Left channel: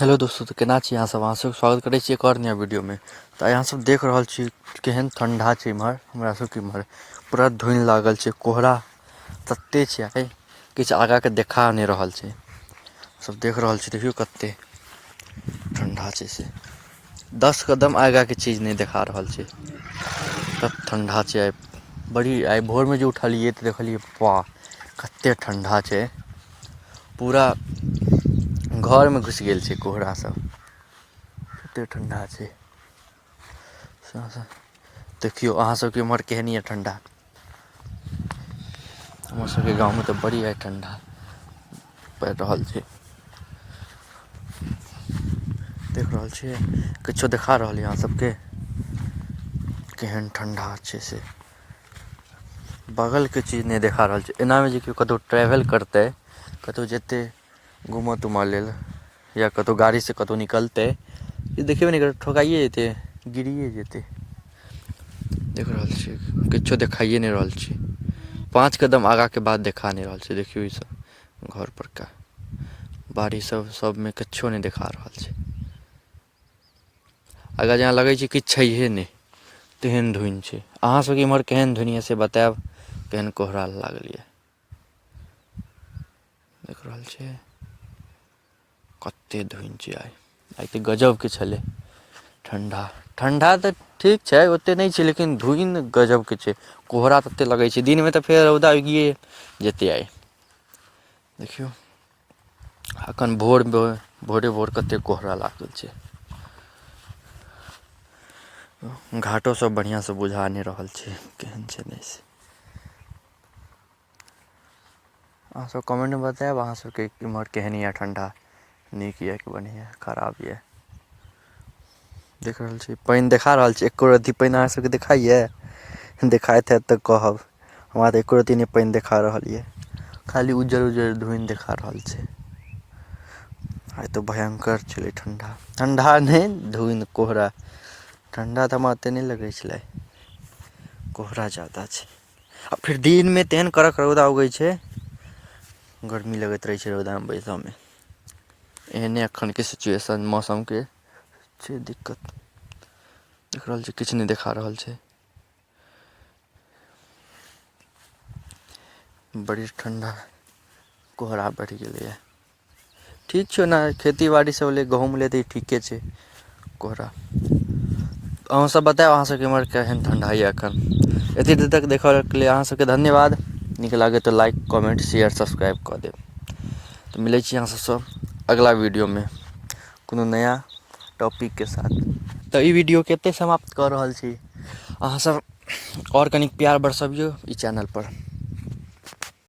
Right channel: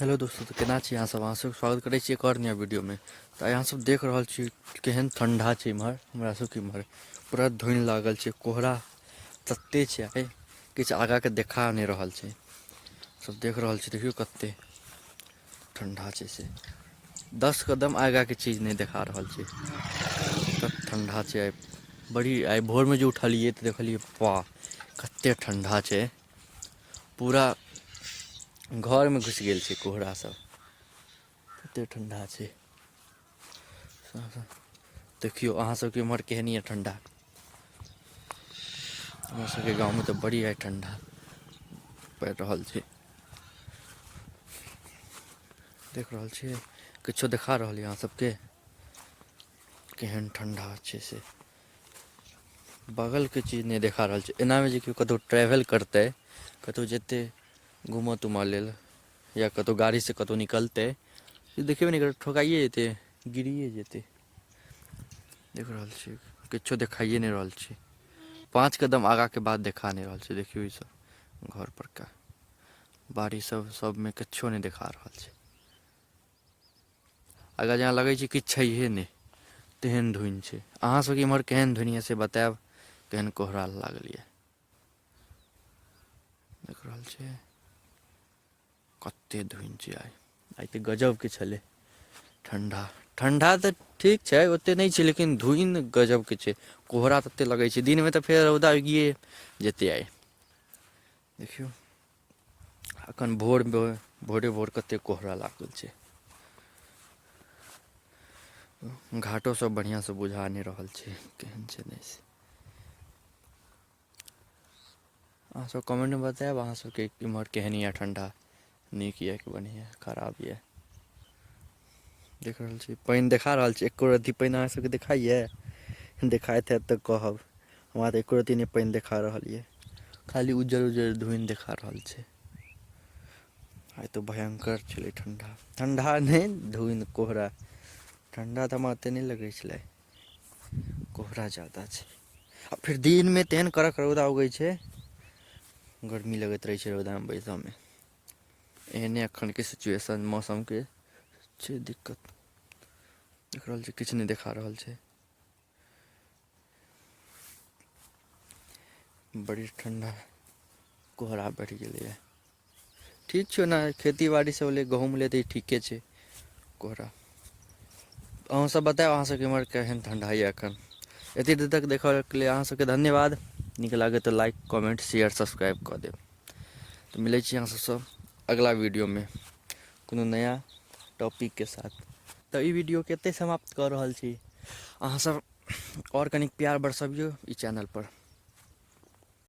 Hello दोस्तों, तो केना छी अहाँ सब स्वागत करै छी एक और नया वीडियो में। तो अहाँ सब देख रहल छी केहन ठंडा छै इम्हर। हमरा सबके इम्हर पूरा धुनि लागल छै, कोहरा तते छै आइ किछु आगाँ के देखा नहि रहल छै। सब देख रहल छी, देखियो कते ठंडा छै से 10 कदम आगाँ के चीज नहीं देखा रहल छै। तब ठंडा छै आइ बड़ी। आइ भोर में जो उठलियै तो देखलियै वाह कते ठंडा छै। पूरा घर में घुसि गेल छै कोहरा सब, कते ठंडा छै। देखियो अहाँ सबके इम्हर केहन यऽ ठंडा। हमर सबके गाँव में तो बड़ी आइ ठंडा पड़ि रहल छै। देख रहल छियै किछो देखा रहल यऽ अहाँ सबके केहन ठंडा छै से। बगल के चीज नहीं देखा रहल छै। एना में जे केओ कतौ ट्रैवल करतै, कतौ जेतै घूमऽ तूमऽ लेल या कतौ गाड़ी से कतौ निकलतै, ये देखेबे नहीं करतै, ठोकाइए जेतै, गिरिए जेतै। देख रहल छियै किछो देखाइए नहीं रहल छै। 5 कदम आगाँ के बाद देखा नहीं रहल छै। देखियो ई सब घर पर का बाड़ी सब में किछो नहीं देखा रहल छै। अगर जेना लगै छै किछु छैहे नहीं, तेहन धुनि छै। अहाँ सबके इम्हर केहन धुनि यऽ से बतायब, केहन कोहरा लागल यऽ। देख रहल छियै कते धुनि छै आइ तऽ गजब के छलै ठंडा। ठंडा तऽ ठीक छै, ओते नहीं छै, लेकिन धुनि गजब के छै। कोहरा तते लगै छै, दिन में तऽ फेर रौदा उगिए जेतै आइ। देखियौ अखन भोरे भोर कते कोहरा लागल छै। घाटो सब बढ़ियाँ से बुझा नहीं रहल छै केहन छै नहीं से। अहाँ सब कमेंट में बतायब अहाँ सबके इम्हर केहन यऽ ठंडा, नीक यऽ कि बढ़ियाँ खराब यऽ। देख रहल छी पानि देखा रहल छी, एको रत्ती पानि अहाँ सबके देखाइए। देखाइत हैत तऽ कहब, हमरा तऽ एको रत्ती नहीं पानि देखा रहल यऽ, खाली उज्जर उज्जर धुनि देखा रहल छै। आइ तो भयंकर छलै ठंडा। ठंडा नहीं धुनि कोहरा। ठंडा तऽ हमरा ओते नहीं लगै छलै, कोहरा ज्यादा छै। आ फिर दिन में तेहन कड़क रौदा उगै छै, गर्मी लगैत रहै छै रौदा में बैसऽ में। एहने एखन के सिचुएशन मौसम के छै दिक्कत। देख रहल छी किछु नहीं देखा रहल छै। बड़ी ठंडा कोहरा बढ़ि गेलैए। ठीक छै ओना खेती बाड़ी सब लेल, गहूँम लेल तऽ ई ठीके छै कोहरा। अहूँ सब बतायब अहाँ सबके इम्हर केहन ठंडा यऽ एखन। एते देर तक देखऽ के लिए अहाँ सबके धन्यवाद। नीक लागै तऽ लाइक कमेंट शेयर सब्सक्राइब कऽ देब। तऽ मिलै छी अहाँ सबसँ अगला वीडियो में कोनो नया टॉपिक के साथ। तऽ ई वीडियो के एते समाप्त कऽ रहल छी। अहाँ सब और कनिक प्यार बरसबियौ ई चैनल पर।